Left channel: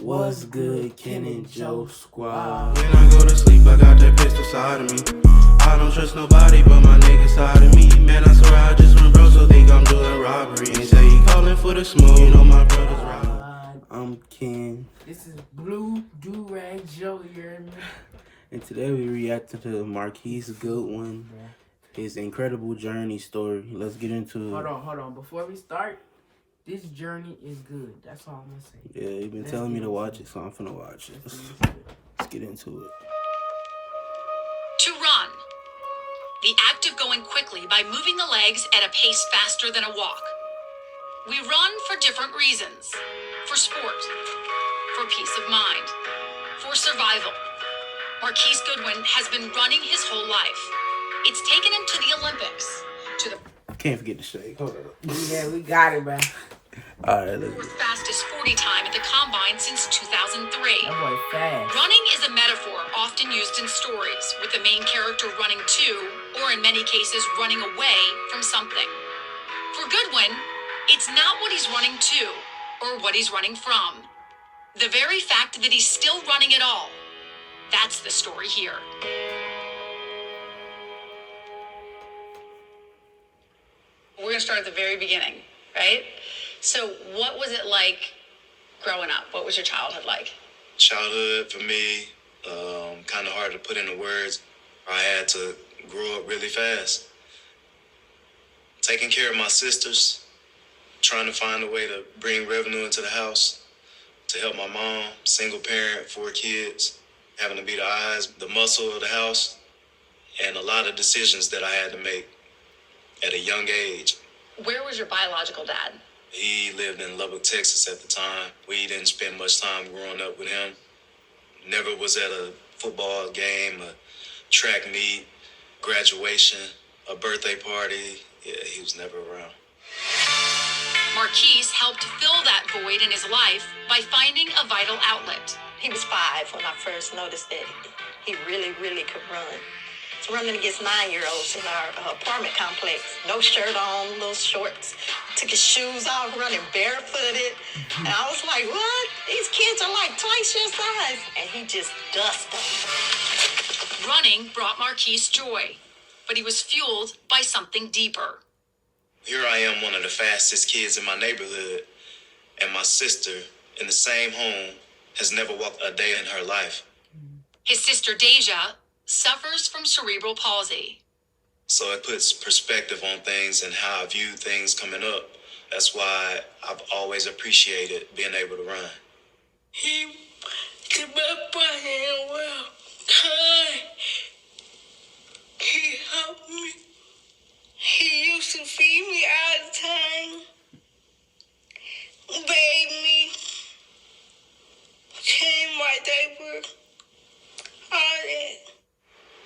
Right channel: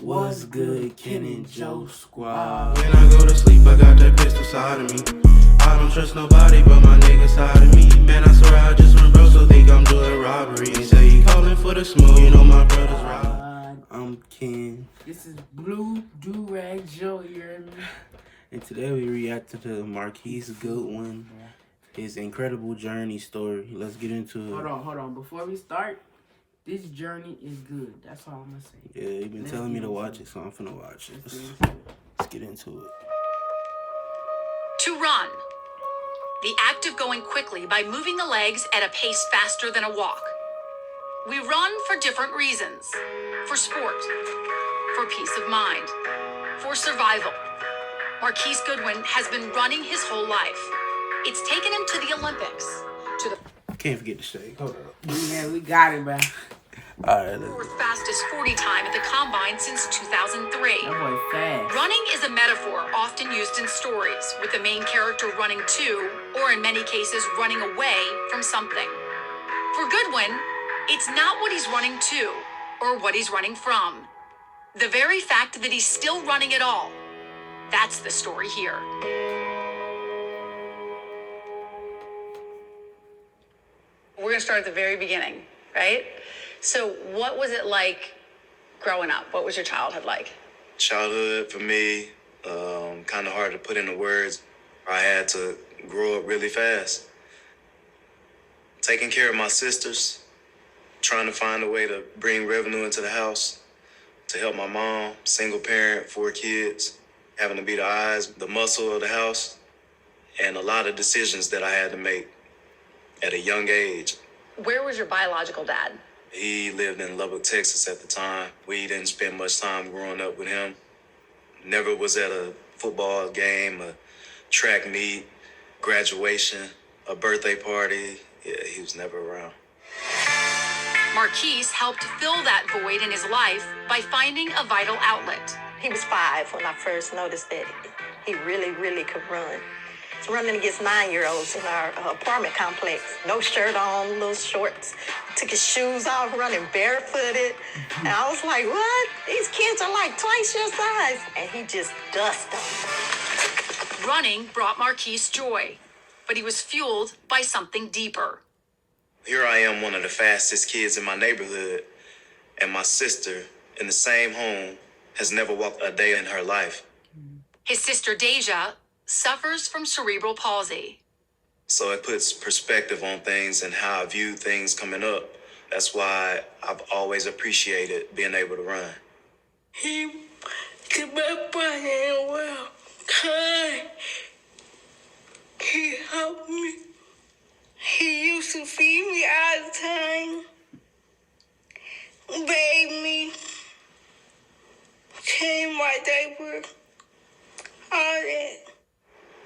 What's good, Ken and Joe Squad? When I go to sleep, I got that pistol side of me. I don't trust nobody but my nigga side of me. Man, I swear I just went broke, so think I'm doing robbery. Ain't say he calling for the smoke, you know my brother's right. I'm Ken. This is Blue Do-Rag Joe, you heard me? And today we reacted to Marquise Goodwin, his incredible journey story. Let's get into it. Hold on. Before we start, this journey is good. That's all I'm going to say. Yeah, you've been telling me to watch it, so I'm finna watch it. Let's get into it. To run. The act of going quickly by moving the legs at a pace faster than a walk. We run for different reasons. For sport. For peace of mind. For survival. Marquise Goodwin has been running his whole life. It's taken him to the Olympics. To the Can't forget the shake. Hold up. Yeah, we got it, bro. Alright, let's fourth fastest 40 time at the Combine since 2003. That boy fast. Running is a metaphor often used in stories, with the main character running to, or in many cases, running away from something. For Goodwin, it's not what he's running to, or what he's running from. The very fact that he's still running at all. That's the story here. We're going to start at the very beginning, right? So what was it like growing up? What was your childhood like? Childhood for me, kind of hard to put into words. I had to grow up really fast. Taking care of my sisters, trying to find a way to bring revenue into the house, to help my mom, single parent, 4 kids, having to be the eyes, the muscle of the house, and a lot of decisions that I had to make at a young age. Where was your biological dad? He lived in Lubbock, Texas at the time. We didn't spend much time growing up with him. Never was at a football game, a track meet, graduation, a birthday party. Yeah, he was never around. Marquise helped fill that void in his life by finding a vital outlet. He was 5 when I first noticed that he really could run. Running against 9-year-olds in our apartment complex. No shirt on, little shorts. Took his shoes off, running barefooted. And I was like, what? These kids are like twice your size. And he just dusted them. Running brought Marquise joy, but he was fueled by something deeper. Here I am, one of the fastest kids in my neighborhood, and my sister in the same home has never walked a day in her life. His sister Deja suffers from cerebral palsy. So it puts perspective on things and how I view things coming up. That's why I've always appreciated being able to run. He kept my hand well, kind. He helped me. He used to feed me all the time, bathe me, change my diaper, all that.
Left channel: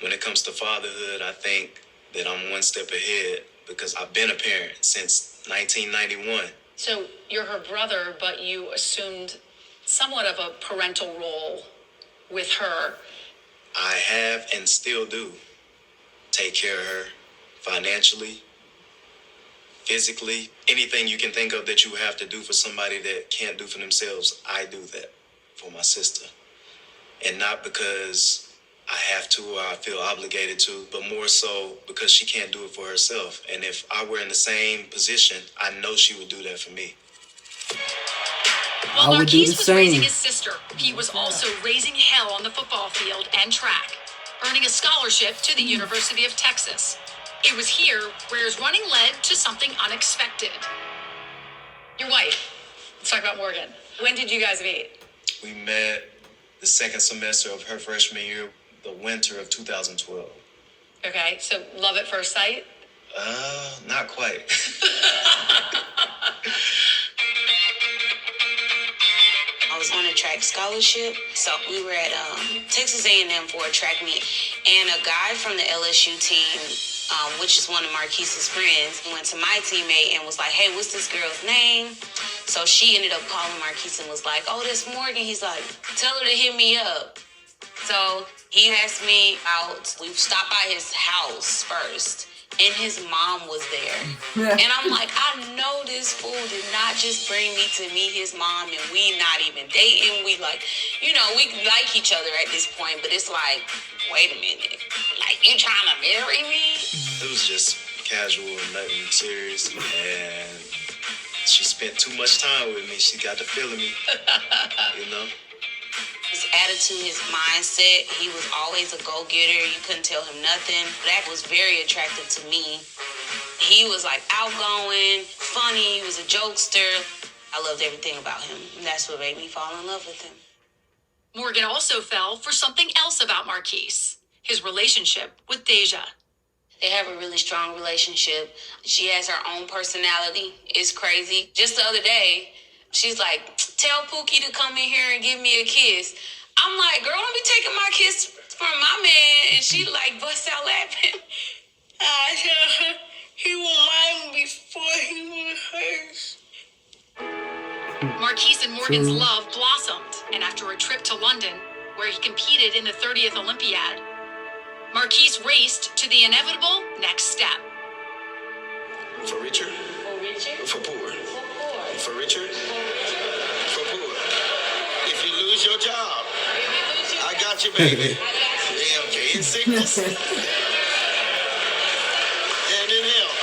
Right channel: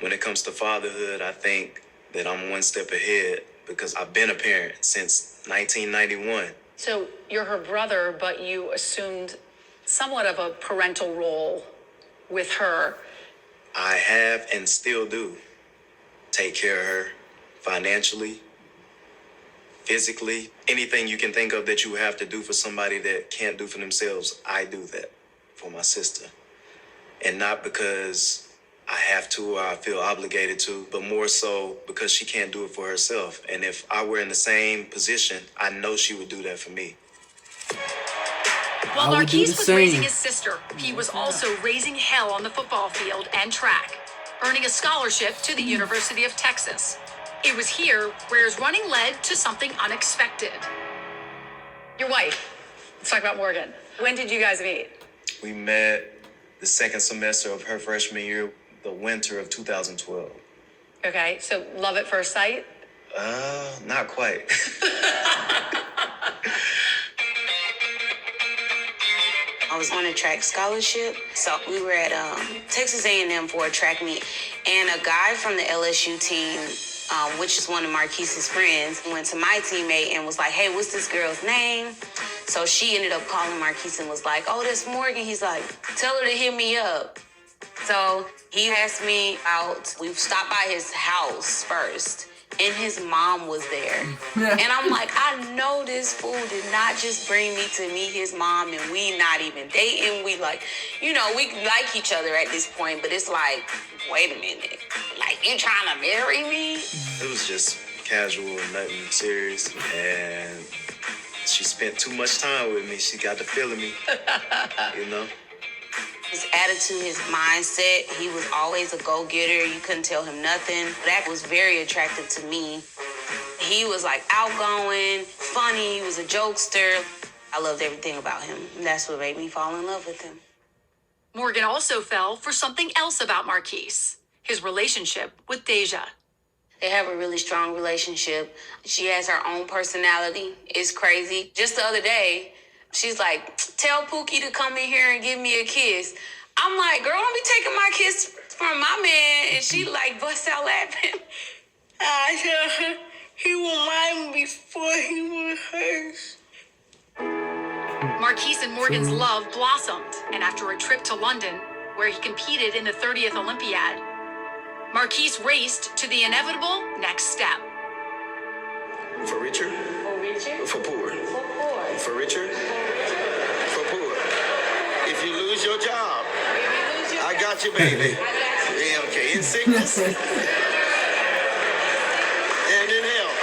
When it comes to fatherhood, I think that I'm one step ahead because I've been a parent since 1991. So you're her brother, but you assumed somewhat of a parental role with her. I have and still do take care of her financially, physically. Anything you can think of that you have to do for somebody that can't do for themselves, I do that for my sister. And not because I have to or I feel obligated to, but more so because she can't do it for herself. And if I were in the same position, I know she would do that for me. While I would do Marquise the was same. raising his sister, he was also raising hell on the football field and track, earning a scholarship to the University of Texas. It was here where his running led to something unexpected. Your wife. Let's talk about Morgan. When did you guys meet? We met the second semester of her freshman year, the winter of 2012. Okay, so love at first sight? Not quite. I was on a track scholarship, so we were at Texas A&M for a track meet, and a guy from the LSU team, which is one of Marquise's friends, went to my teammate and was like, hey, what's this girl's name? So she ended up calling Marquise and was like, oh, that's Morgan. He's like, tell her to hit me up. So he asked me out. We stopped by his house first. and his mom was there. And I'm like, I know this fool did not just bring me to meet his mom, and we not even dating. We like, you know, we like each other at this point, but it's like, wait a minute. Like, you trying to marry me? It was just casual, nothing serious, and she spent too much time with me. She got the feeling me, you know? His attitude, his mindset, he was always a go-getter. You couldn't tell him nothing. That was very attractive to me. He was like outgoing, funny, he was a jokester. I loved everything about him. And that's what made me fall in love with him. Morgan also fell for something else about Marquise, his relationship with Deja. They have a really strong relationship. She has her own personality. It's crazy. Just the other day, she's like, tell Pookie to come in here and give me a kiss. I'm like, girl, don't be taking my kiss from my man. And she like busts out laughing. I tell her he was mine before he was hers. Marquise and Morgan's love blossomed, and after a trip to London, where he competed in the 30th Olympiad, Marquise raced to the inevitable next step. For Richard? For Richard? For poor? For poor. For Richard? For poor. If you lose your job, I got you, baby. Yeah, okay, in sickness. And in health.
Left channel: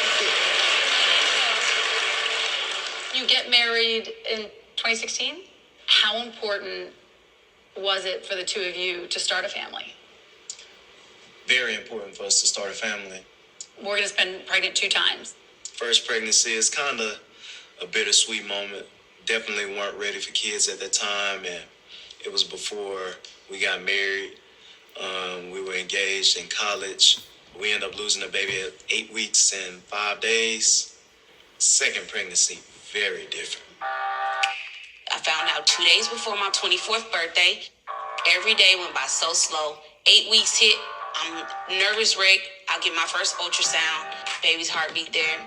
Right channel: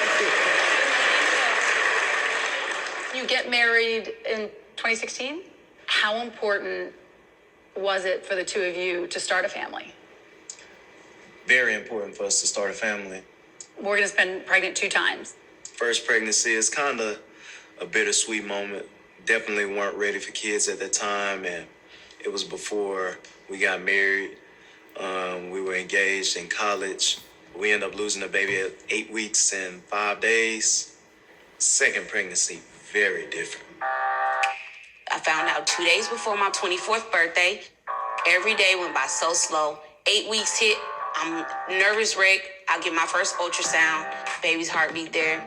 You get married in 2016. How important was it for the two of you to start a family? Very important for us to start a family. Morgan has been pregnant 2 times. First pregnancy is kind of a bittersweet moment. Definitely weren't ready for kids at the time, and it was before we got married. We were engaged in college. We ended up losing the baby at 8 weeks and 5 days. Second pregnancy, very different. I found out 2 days before my 24th birthday. Every day went by so slow. 8 weeks hit. I'm nervous wreck. I get my first ultrasound. Baby's heartbeat there.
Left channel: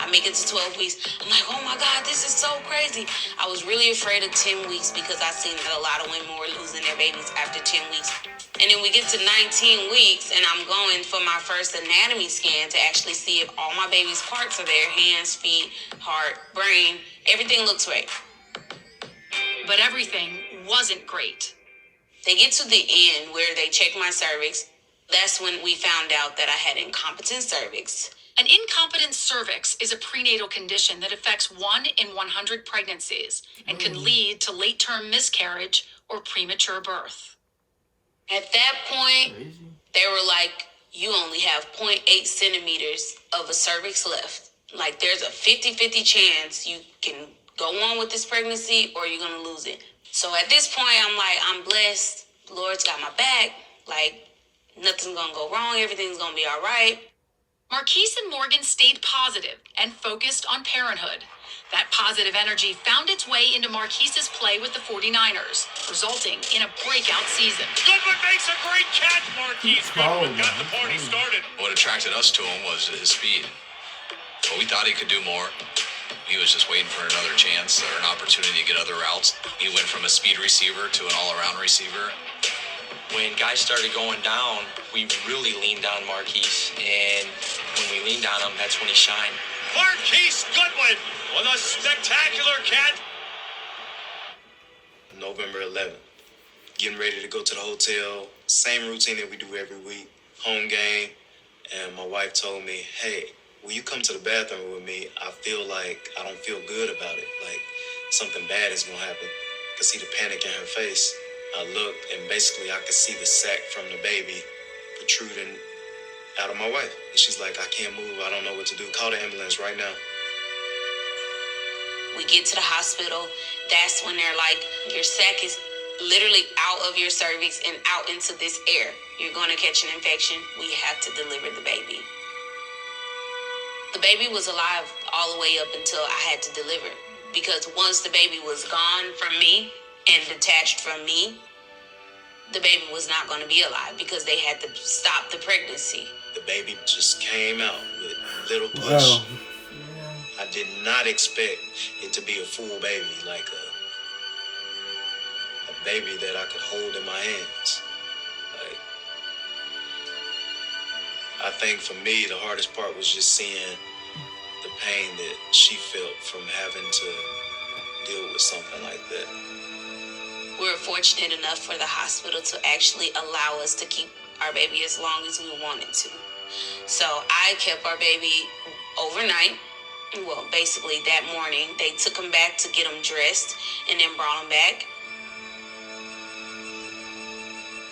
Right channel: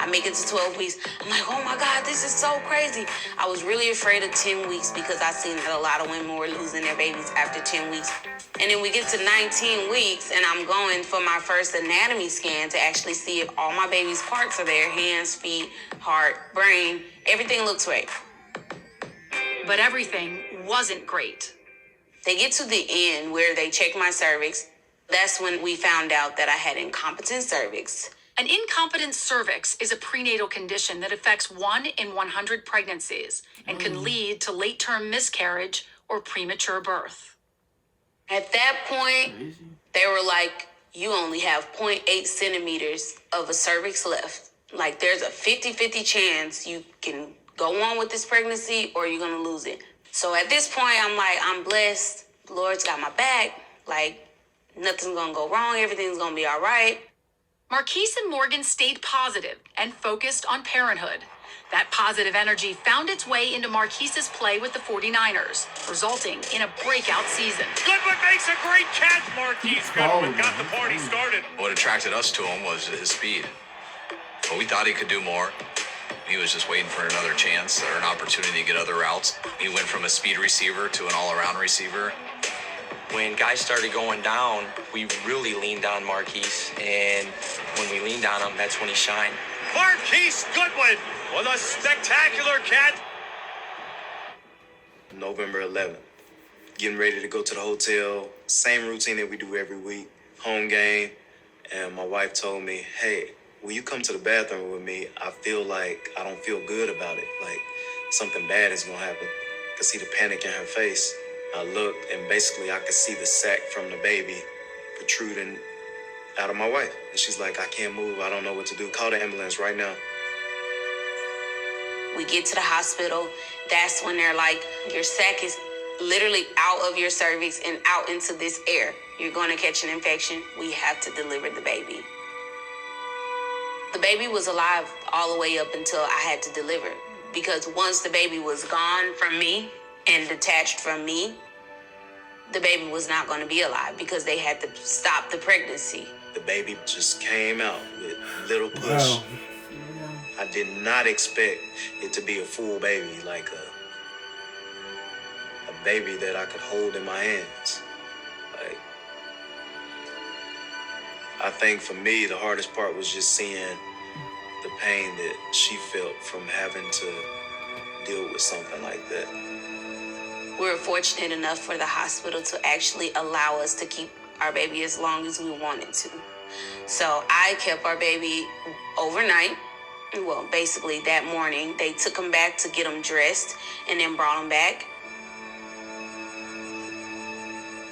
I make it to 12 weeks. I'm like, oh my God, this is so crazy. I was really afraid of 10 weeks because I seen that a lot of women were losing their babies after 10 weeks. And then we get to 19 weeks and I'm going for my first anatomy scan to actually see if all my baby's parts are there. Hands, feet, heart, brain, everything looks right. But everything wasn't great. They get to the end where they check my cervix. That's when we found out that I had incompetent cervix. An incompetent cervix is a prenatal condition that affects 1 in 100 pregnancies and can lead to late-term miscarriage or premature birth. At that point, they were like, you only have 0.8 centimeters of a cervix left. Like, there's a 50-50 chance you can go on with this pregnancy or you're going to lose it. So at this point, I'm like, I'm blessed. The Lord's got my back. Like, nothing's going to go wrong. Everything's going to be all right. Marquise and Morgan stayed positive and focused on parenthood. That positive energy found its way into Marquise's play with the 49ers, resulting in a breakout season. Goodwin makes a great catch. Marquise Goodwin got the party started. What attracted us to him was his speed. But we thought he could do more. He was just waiting for another chance or an opportunity to get other routes. He went from a speed receiver to an all-around receiver. When guys started going down, we really leaned on Marquise. And when we leaned on him, that's when he shined. Marquise Goodwin with a spectacular catch. November 11th. Getting ready to go to the hotel. Same routine that we do every week. Home game. And my wife told me, hey, when you come to the bathroom with me, I feel like I don't feel good about it. Like something bad is going to happen. I could see the panic in her face. I looked and basically I could see the sac from the baby protruding out of my wife. And she's like, I can't move. I don't know what to do. Call the ambulance right now. We get to the hospital. That's when they're like, your sac is literally out of your cervix and out into this air. You're going to catch an infection. We have to deliver the baby. The baby was alive all the way up until I had to deliver. Because once the baby was gone from me and detached from me, the baby was not going to be alive because they had to stop the pregnancy. The baby just came out with a little push. Wow. I did not expect it to be a full baby, like a baby that I could hold in my hands. Like, I think for me, the hardest part was just seeing the pain that she felt from having to deal with something like that. We were fortunate enough for the hospital to actually allow us to keep our baby as long as we wanted to. So I kept our baby overnight. Well, basically that morning. They took him back to get him dressed and then brought him back.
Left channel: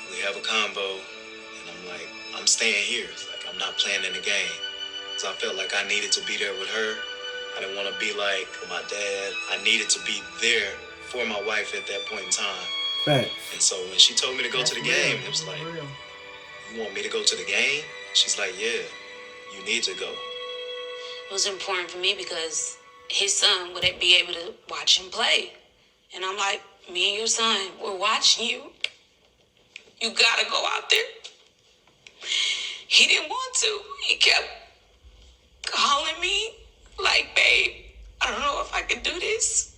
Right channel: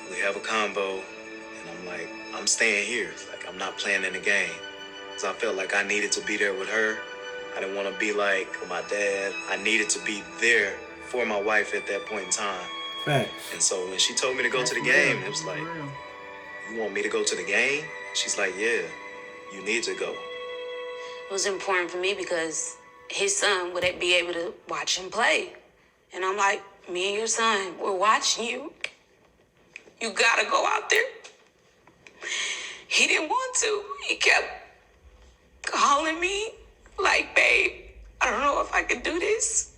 We have a convo, and I'm like, I'm staying here. Like, I'm not playing in the game. Because I felt like I needed to be there with her. I didn't want to be like my dad. I needed to be there for my wife at that point in time. Facts. And so when she told me to go to the game, it was like, you want me to go to the game? She's like, yeah, you need to go. It was important for me because his son would be able to watch him play. And I'm like, me and your son, we're watching you. You gotta go out there. He didn't want to. He kept calling me like, babe, I don't know if I could do this.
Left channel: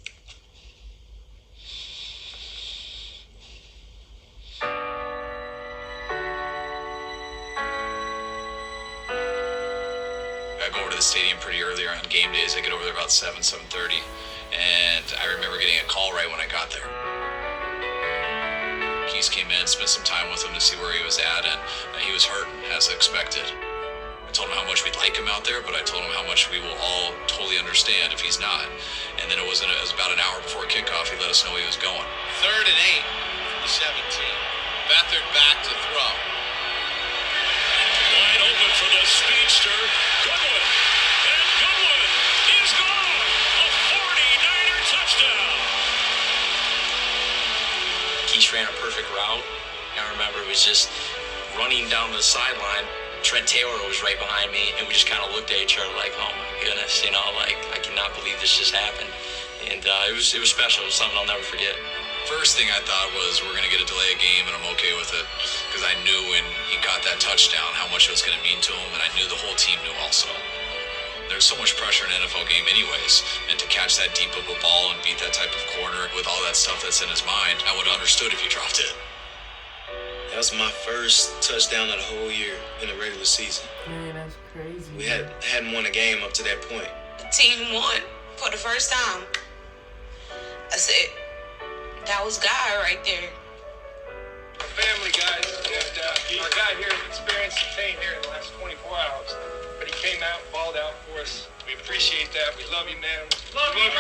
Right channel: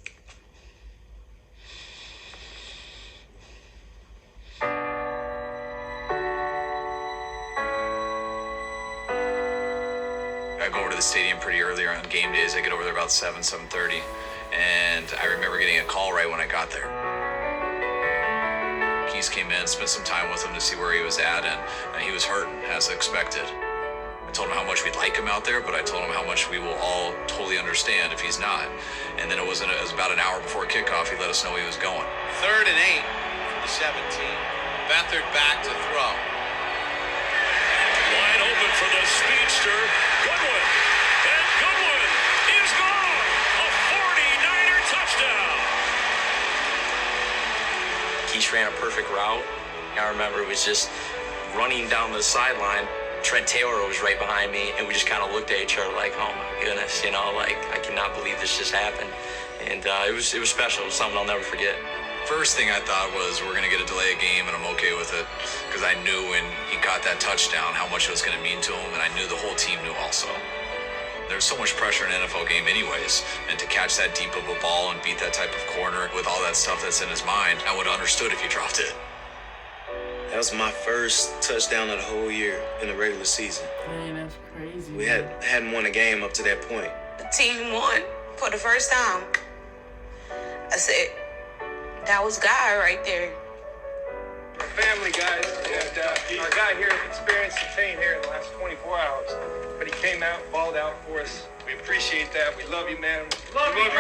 I go over to the stadium pretty early on game days. I get over there about 7:30, and I remember getting a call right when I got there. Marquise came in, spent some time with him to see where he was at, and he was hurting, as expected. I told him how much we'd like him out there, but I told him how much we will all totally understand if he's not. And then it was about an hour before kickoff, he let us know he was going. 3rd and 8 for the 17. Beathard back to throw. Wide open for the speedster, Goodwin. And Goodwin is gone. A 49er touchdown. Marquise ran a perfect route. I remember it was just running down the sideline. Trent Taylor was right behind me, and we just kind of looked at each other like, oh my goodness, you know, like, I cannot believe this just happened. And it was special. It was something I'll never forget. First thing I thought was we're going to get a delay of game, and I'm okay with it, because I knew when he got that touchdown how much it was going to mean to him, and I knew the whole team knew also. There's so much pressure in an NFL game anyways, and to catch that deep of a ball and beat that type of corner with all that stuff that's in his mind, I would have understood if he dropped it. That was my first touchdown of the whole year in the regular season. Man, that's crazy. We hadn't won a game up to that point. The team won for the first time. I said, that was God right there. Family, guys. And our guy here experienced the pain here in the last 24 hours. But he came out and balled out for us. We appreciate that. We love you, man. Love you, man.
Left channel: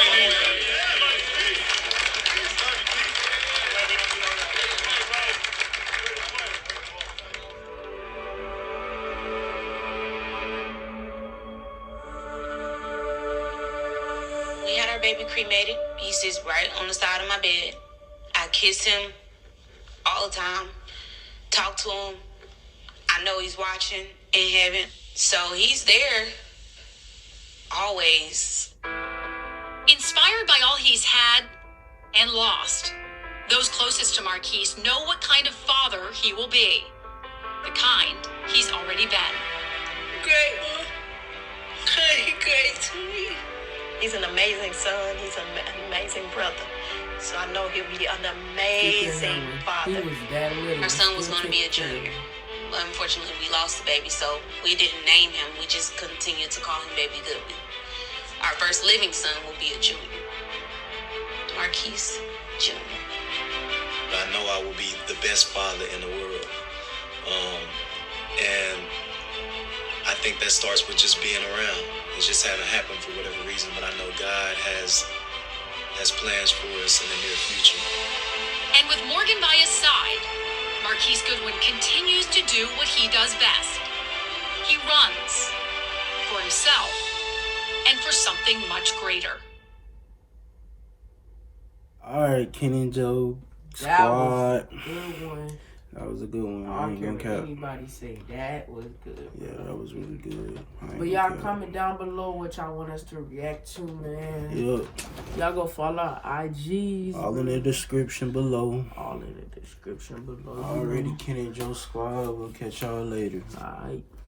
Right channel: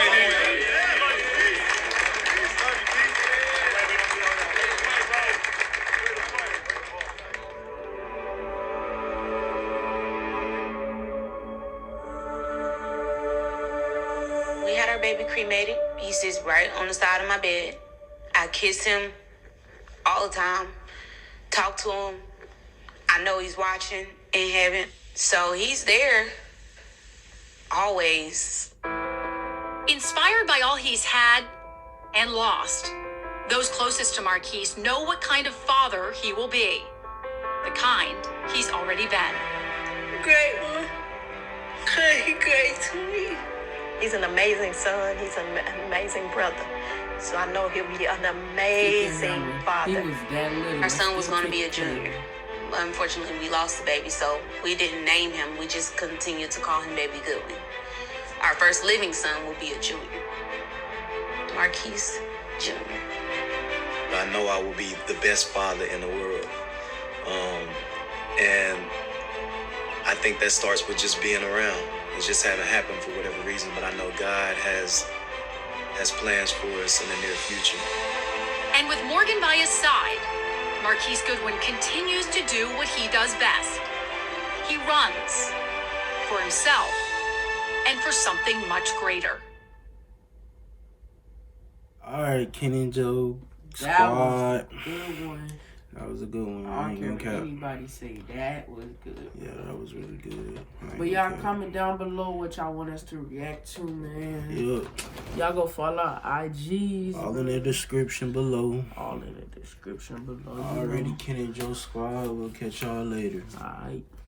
We had our baby cremated. He sits right on the side of my bed. I kiss him all the time, talk to him. I know he's watching in heaven, so he's there always. Inspired by all he's had and lost, those closest to Marquise know what kind of father he will be. The kind he's already been. Great one. Great to me. He's an amazing son. He's an amazing brother. So I know he'll be an amazing father. He was that little. Our son was going to be a junior. But unfortunately, we lost the baby, so we didn't name him. We just continued to call him Baby Goodwin. Our first living son will be a junior. Marquise Jr. I know I will be the best father in the world. And I think that starts with just being around. It just haven't happened for whatever reason, but I know God has plans for us in the near future. And with Morgan by his side, Marquise Goodwin continues to do what he does best. He runs for himself and for something much greater. All right, Ken and Joe squad. That was a good one. I ain't gonna cap. Anybody say that was good. Yeah, that was really good. But y'all comment down below what y'all want us to react to, man. Yep. Y'all go follow our IGs. All in the description below. All in the description below. Already, Ken and Joe squad. We'll catch y'all later. All right.